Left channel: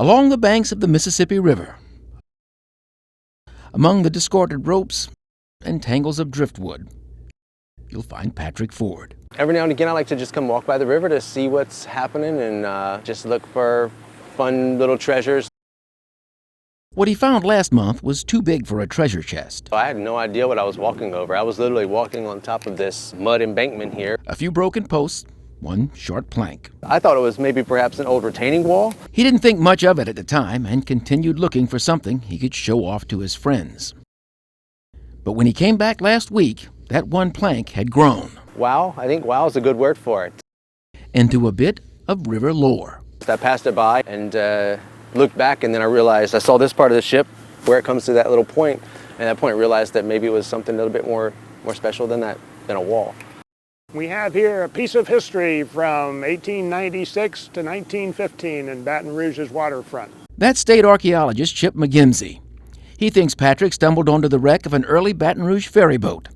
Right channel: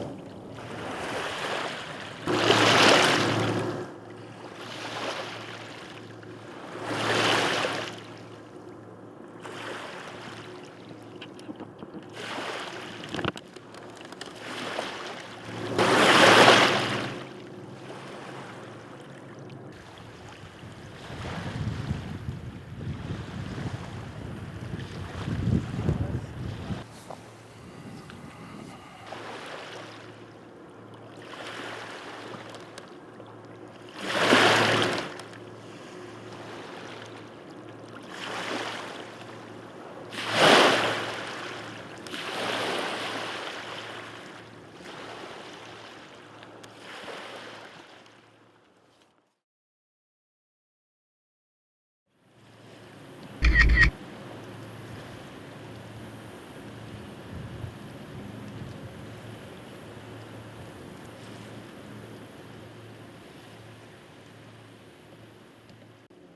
along the banks of the Mississippi River, among the discarded ropes and tangles of driftwood, we'll find Patrick Ford. Every now and again, I like to just come walk by the river to see what's happening and just look for fun little treasures. What he found last month was too big for a treasure chest. I had no idea what I was walking over. I was literally walking on top of this mud embankment here. A few broken posts, one short plank. I thought it was maybe perhaps an old retaining wall. He didn't think much of it at the time and continued looking for something he could show off to his friends. But when he came back last week, that one plank had grown. Wow, I think wow is a good word for it. Into a bit of river lore. So I passed it by and looked back, and then I realized I saw this part of the ship where it comes to that little point, and at that point I realized that maybe it was something a little bit more special than that, than a wall. We have here a piece of history from 1896 to 1915 in Baton Rouge's waterfront. That's state archaeologist Chip McGimsey. He thinks Patrick stumbled onto the wreck of an early Baton Rouge ferry boat,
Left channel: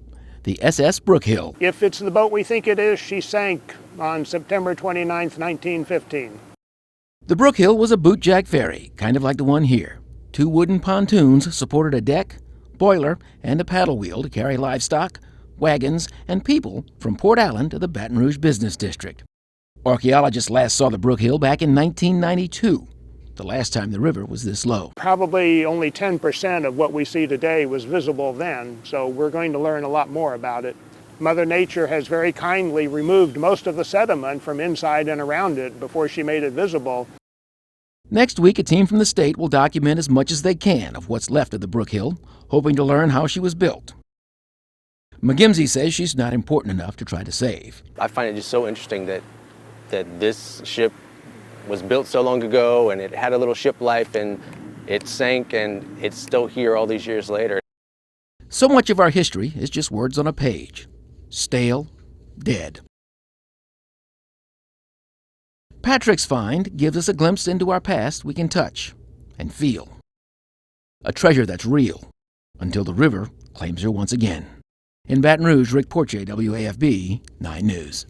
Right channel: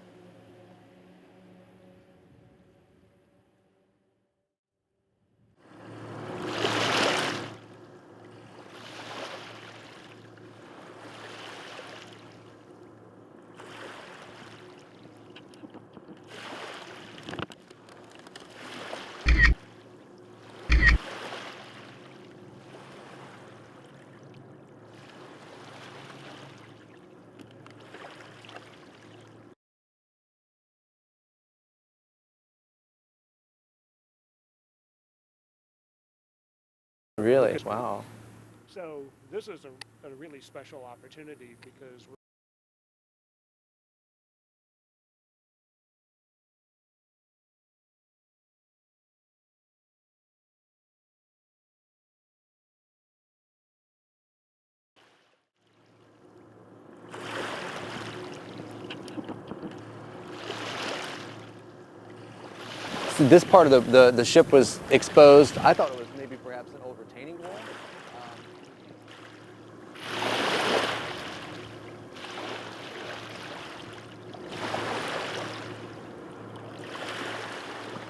the SS Brookhill. If it's the boat we think it is, she sank on September 29, 1915. The Brookhill was a bootjack ferry, kind of like the one here. Two wooden pontoons supported a deck, boiler, and a paddle wheel to carry livestock, wagons, and people from Port Allen to the Baton Rouge Business District. Archaeologists last saw the Brookhill back in 1992, the last time the river was this low. Probably only 10% of what we see today was visible then, so we're going to learn a lot more about it. Mother Nature has very kindly removed most of the sediment from inside and around it before she made it visible. Really? Wow. Next week, a team from the state will document as much as they can of what's left of the Brookhill, hoping to learn how she was built. McGimsey says she's not important enough to try to save. I find it just so interesting that this ship was built so long ago, and it had a little ship life, and it sank, and it's still here all these years later. So much of our history is just words on a page. Stale, dead. This part of the ship was exposed. I thought Patrick's find gives us a glimpse into our past we can touch and feel. A treasure that's real until the river claims her once again. In Baton Rouge, Rick Porche, WAFB 9 News.